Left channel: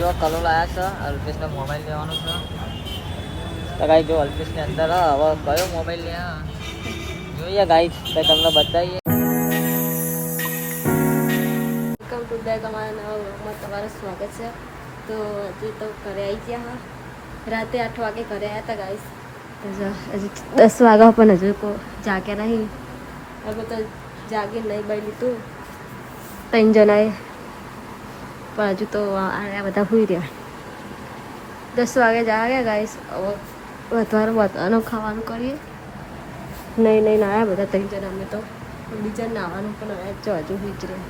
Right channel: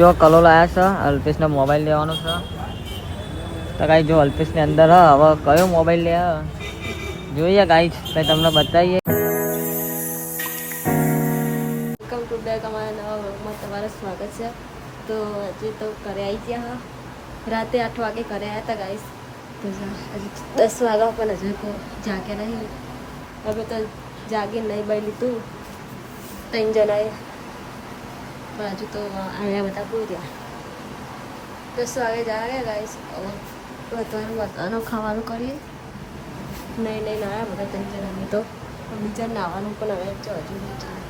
જો કલો લાયા છે અલ્પેશને મોબાઈલ લેવાનો છે. કાંઈ જો અલ્પેશની અંદર હ, હવે કયો મોબાઈલ લે જોઈએ કાંઈ એટલે તમને બતાવીએ. વેલકમ ટુ બેક અમારા નવા વ્લોગમાં તમારું સ્વાગત છે. તો હજી તો ઘરે આવી ગયા હા. રાતે આઠ વાગે ઘરે આવ્યા હતા ગાઈસ દસ વાગ્યા પણ હજુ કો જાગ્યા નહીં. હવે તો જાગી નહીં બાઈ લીધું. ત્રણ જણાએ પણ હજુ તો આવ્યા બધા સુઈ રહ્યા. દસ વાગે જાગ્યા ગાઈસ હવે વધારે વધારાનું ખાવાનું કરીએ. નહીં નહીં આવ્યા બધા ત્રણ જણા અમે તો બીજા નાવાનું પણ હવે જો હજુ વિચાર્યું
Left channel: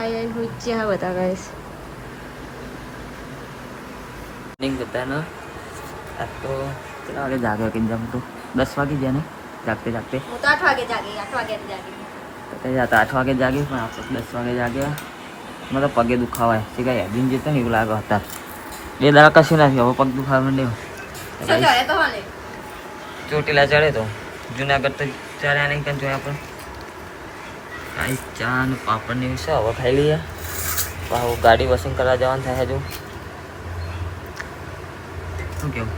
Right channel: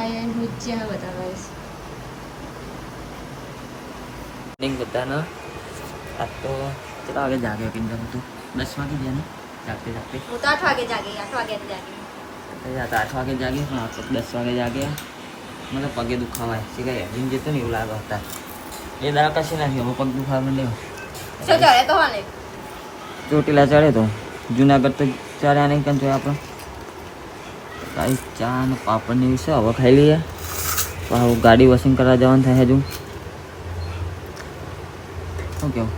આયન હુચ્યા બધા ગાઈસ બધાને. તો કેટલા વાગે જાગ્યો એકદમ તું દસ વાગે જાય ને જાગતે જાગતે હું તો આઠ વાગે જાગી આઠ વાગે જાગી. એ આ તો આઠ વાગે જાગે પણ આપણે દસ વાગે જાગ્યા મને તો પગે દુખાવાય છે કાંઈ હેડીને જતો ને એવું લાગે હતા બે દાડા કશું નથી હવે પગ દુખાવા માંડ્યો શું ચડે તો વાલે ચોટીલા ચડે તો જુનાગઢ તો ચડ્યા નહીં કંઈ જોયા આપણે કાંઈ ચા ને પાપડ ને એવી છે હવે ખાઈ લઈએ અ, ગાડી વસન કરવા જવાનું થાય હજુ શું કેવું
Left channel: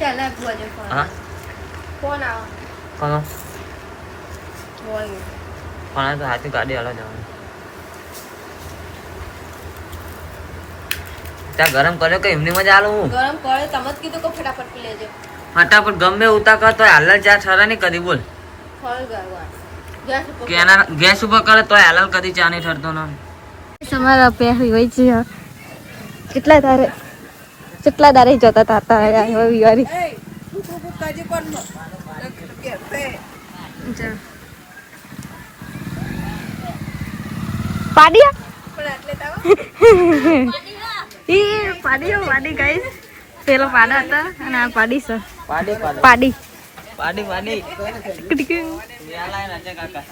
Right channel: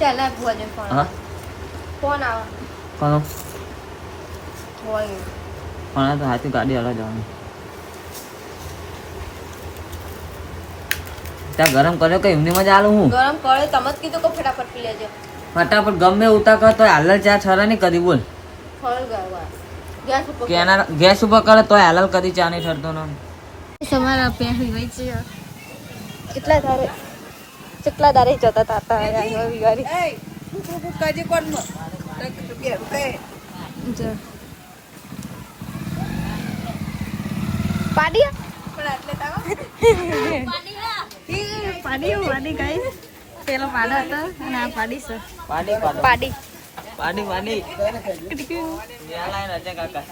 ચાલે ભોજન ફોન હા ફોન આવે હા હોય પણ તો હાથે ગાડી હાલે જવાનું ત્યાં ગરમ કર્યો કે એમની મજા આલું હું ગરમ કરે તમે જ કીધું કે ફટાફટ પી લેજો ફટાફટ ગમે ઉતા કર તો હાલલ ચા છરા નહીં કરી બોલ ગેસ ઉપર કરે તો હાલલ કદી ચા નહીં ઠરતો ના તમારા પહેરી હોય છે કેટલા તારે કેટલા દારે જતા હવે વિવારી જો. પાડિયા પાડી પાડી ગાઈસ. પેલો પાડો હતા અને આ પાડી છે. પાડી પાડી. પાડી કટકી. યાલા રાજા કાકા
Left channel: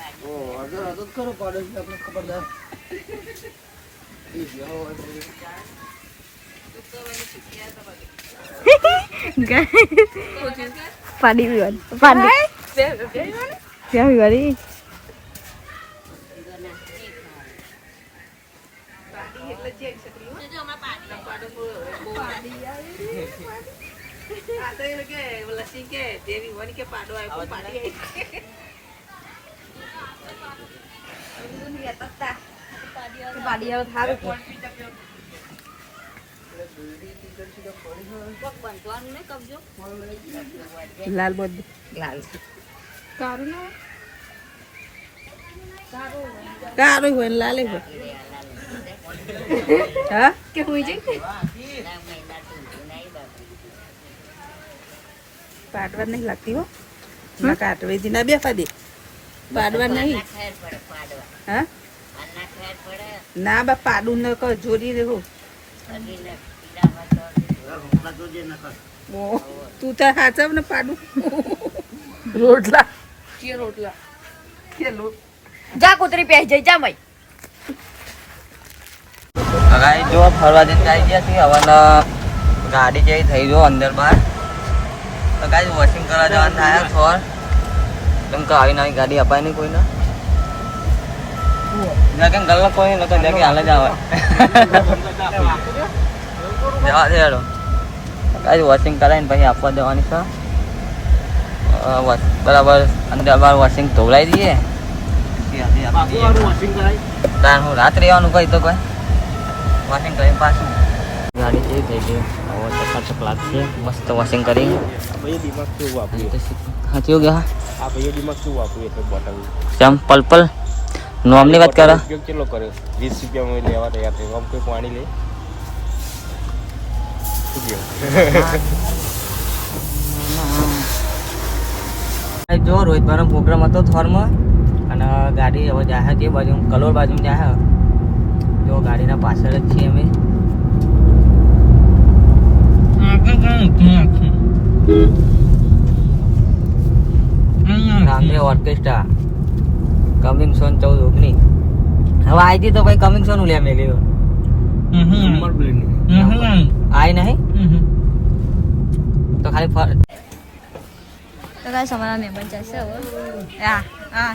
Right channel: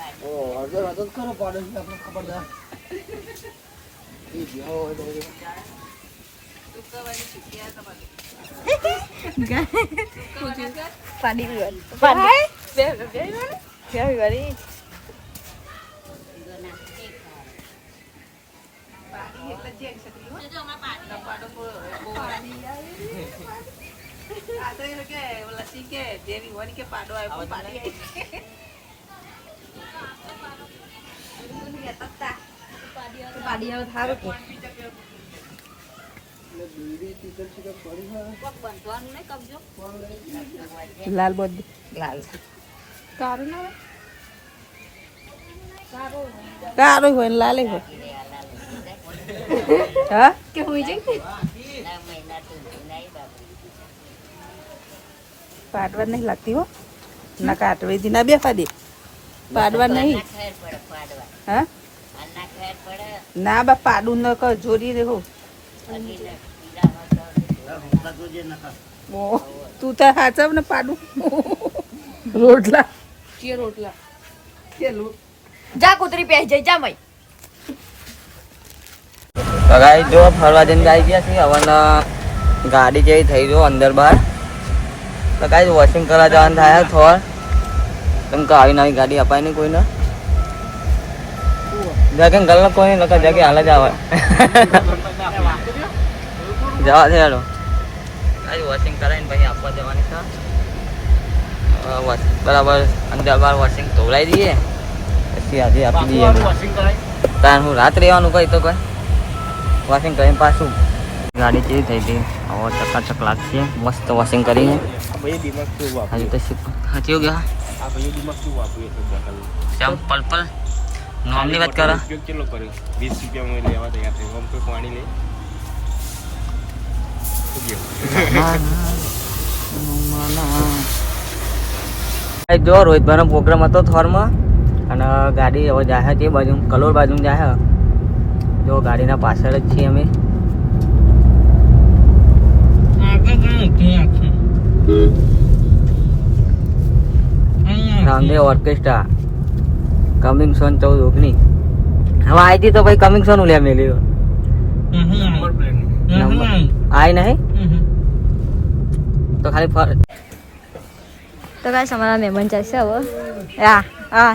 પાડી પાડી પાડી. ક્યાં વિવારી પાડી આવે થારું લાલ બોધ લાલ કારું ના કારું હોય. ને લાલ. હોય હા કે હોય જઈ પાડવા નહીં લાગતી હો ના કાટવે દી ના બેફા દે પાડવા નહીં હા ના બા પાડું ન કર જોડી રહો ઓ, તું તો હાચવ ને પાડું રોટલા. કે રોટલા. કે જા કુતરી પહે જઈ જા મઈ ગાઈ ગયા છે હવે ગાડી જેવી થઈ ગયો અંદર બહાર એ કાંઈ વોશિંગ કરવા જવાનું થાય થોડ. કેમ કે આવી નવી ગાડી અપાય નહીં કોઈને. બેગન ગલ્લો તો નતા જ જવા દે હેડો. કાંઈ વોશિંગ કરાવીને પછી આપવા દેવાની છે. બરાબર અંદર બહાર વોશિંગ ધોવડાવી દઈએ. તાર હું રાત રહેવાનું કઈ તો કોઈ? વોશિંગ કરીને પાછું. ગાડી કેવી થઈ ગઈ હવે ચકાચક લાગશે. મસ્ત વોશિંગ કરી હજી ગયા ચમ નોમની વાત કરો. કેટલો કર્યો? વીસ રૂપિયા હું લેવા તૈયાર થયો આમ કોઈ પાણી લે? જો રોહિતભાઈનો પ્રોગ્રામ હતો થોરમાં અને ગાડી હવે જાહે તે બાજુ કલોર બાજુ જાહે. જો ગાડીના પાછળ જ છીએ અમે. રામદેવ ઓર્કેસ્ટ્રા. કમિંગ સોન ચૌદ ઓગણી. હવે આઈ હતી તો ભાઈ કમિંગ સોન લે મેલી આઈ નહીં? તો ખાલી ફર તો કાંઈ અમારા મહેમાન ચાલશે હવે. હા હા.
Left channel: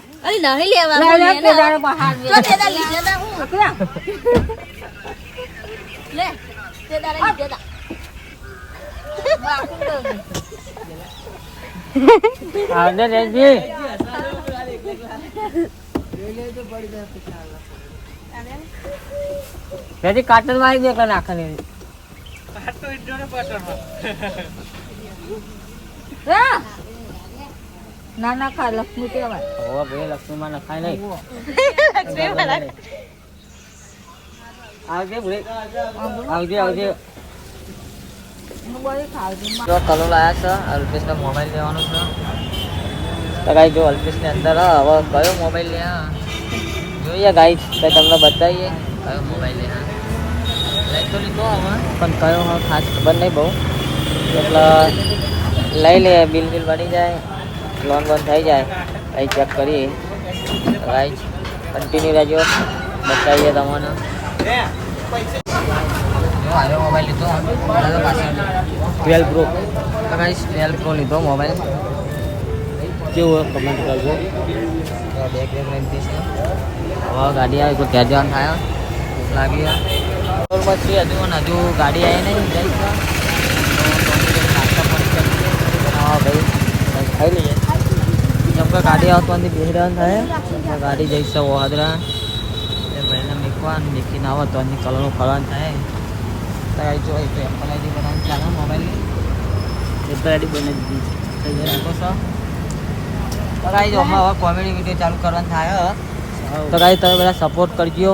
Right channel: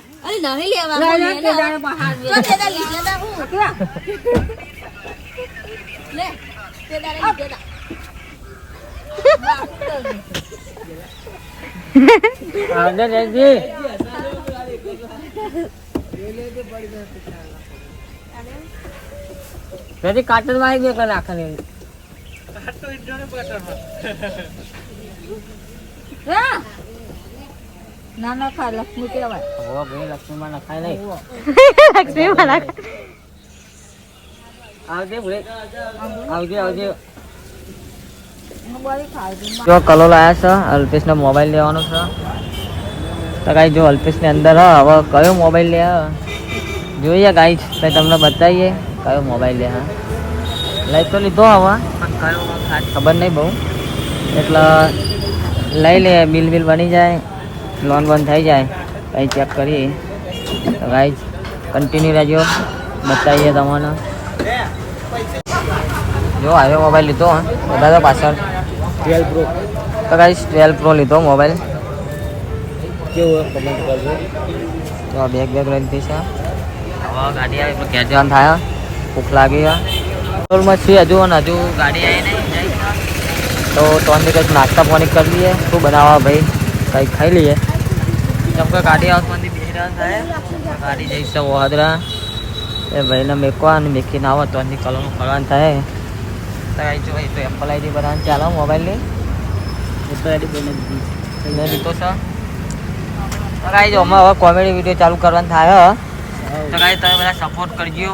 અરે નહીં લેવા હું લે ને. તો તે દાડે લીધા તા હું. લે તે દાડે લીધા તા. આવજે જયજી જયજી કાટનમાં આવી ગયો નાખવાની હા. ના ના ખા લક્ષ્મી કહેવાય. ઓ ભાઈ લક્ષ્મીમાં નખાય નહીં આવજે ભૂલે આવજે આવજે. જો કલો લાયા છે. અલ્પેશનો મોબાઈલ લેવાનો છે. કાંઈ જો અલ્પેશની અંદર હવે કયો મોબાઈલ લેવા જોઈએ કાંઈ એટલે તમને બતાવીએ કયો મોબાઈલ લેવા લઈ તો લીધો હવે પણ કયો ખાસ ખબર નહીં. લઈ લે બિલ બિલ બની જાય. લોન બોન થઈ જાય. કંઈ ચેક કરી ગાઈઝ કન્ટિન્યુ રહેજો. બતાવીએ તમને. જો હવે મોબાઈલ લીધો હા. દાદા પાછળ. ટ્વેલ્વ પ્રો તો ગાઈસ ટ્વેલ્વ પ્રો લીધો મોબાઈલ કેવું કમેન્ટ કરજો તો બેગ બેગ લઈ લીધી છે હવે ગાડી આવી તો ઘેર જવાનું થાય ભૂખ લાગી પેટ્રોલમાં છીએ હજુ અને હજુ ગાડી આવી નહીં. જઈ તો ત્રણ દિવસ નાસ્તા પાણી કરી લઈએ. શું બનાવવા ભાઈ? કંઈક ખાઈ લઈએ. ગાડી બેસી રહેવાનું થાય ગાડી જઈશ વહાદરા. એ ભાઈને મેકવા અને મેકીને આવો તો એની કલરનું ફરવાનું થાય. તો જો તો એપલ આઈડી બનાવવાનું ચાલો મોબાઈલની એ આઈડી એડી બની દીધી. થઈ તો સર તો ગાઈ જો અમે હવે કોમેડી વીડિયો ચાલુ કરવાનું થાય તો કાંઈ તમે બધા સપોર્ટ કરજો.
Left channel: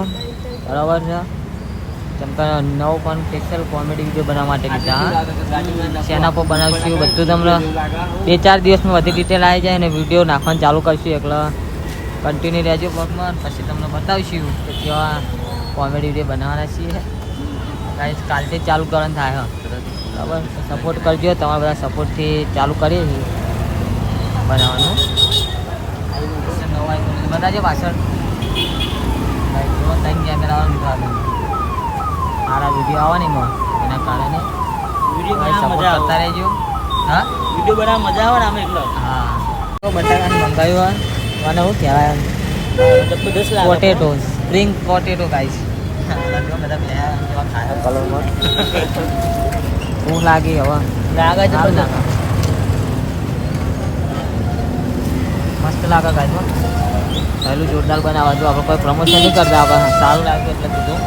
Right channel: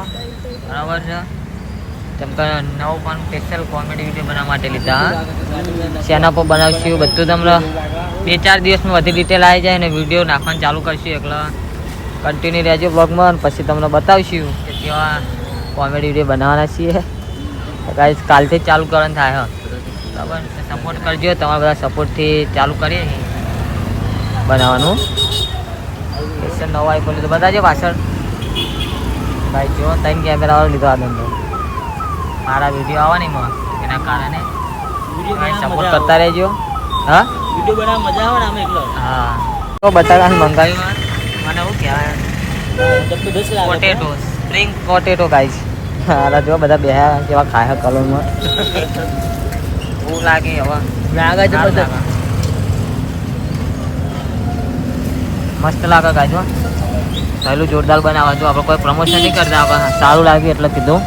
બરાબર છે. કેમ કે નવો પણ સ્પેશિયલ કોમેડી વીડિયો બનાવવા માટે લીધા. શેના પર બનાવશું બધું તમને. બે ચાર દિવસમાં બધી ડિટેલ આવી જાય અને વીડિયો નાખવાનું ચાલુ કરશું એટલે કન્ટિન્યુ રહેજો બ્લોગમાં અને પછી તમને બતાવીશું કે કેવા કોમેડી વીડિયો બનાવવાના છીએ. તો કાલથી જ ચાલુ કરવાનું થાય. બરાબર? સપોર્ટ કરજો તમારા બધા સપોર્ટથી ચાલુ કરીએ છીએ. બનાવવાનું. નવા આઈફોન લીધો. બતાવજો પાછળ. ભાઈ જો ત્રણ કેમેરા વાળો લીધો આ ધંધો. સારા વીડિયો આવવાની એના કારણે. સપોર્ટ કરતા રહેજો. હા? વીડિયો બનાવવા મજા આવે ને આમ એકલો. હા. તો બટાકાનું મંગાવ્યું. મને શું કહેવાય? પોટેટો સ્પ્રિંગ પોટેટો ગાઈસ હાલા જો બધા બે જેવા ખાય લાગે હવે. લાગે જબરદસ્ત. મસ્ત લાગે ગાઈસ હો. પહેલું જોરદાર બનાવવા દઉં આપણે કોઈ પ્રમોશન નહીં કરતા આપણે સારું લાગ્યું એટલે કીધું.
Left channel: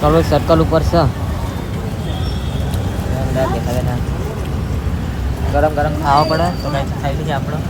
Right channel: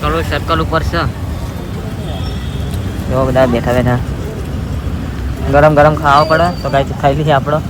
ચલો સર્કલ ઉપર છે. જો બધા બેઠા બેઠા. ગરમ ગરમ ખાવા પડે તો કાંઈ ખાઈ લીધી આપણે.